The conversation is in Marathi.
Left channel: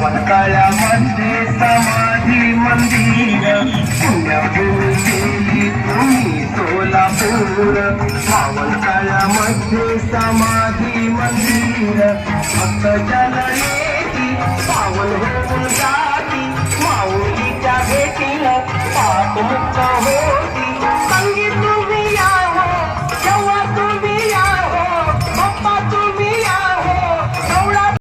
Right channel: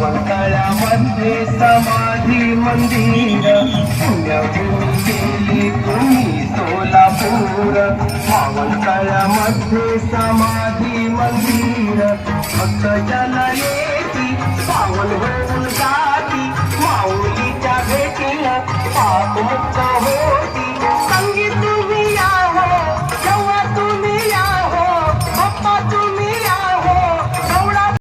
पावनकळ्यामध्ये समाधी मंदिर पुण्यभूमी केली तुम्ही सोलापूर पावनकळ्यामध्ये समाधी मंदिर भक्त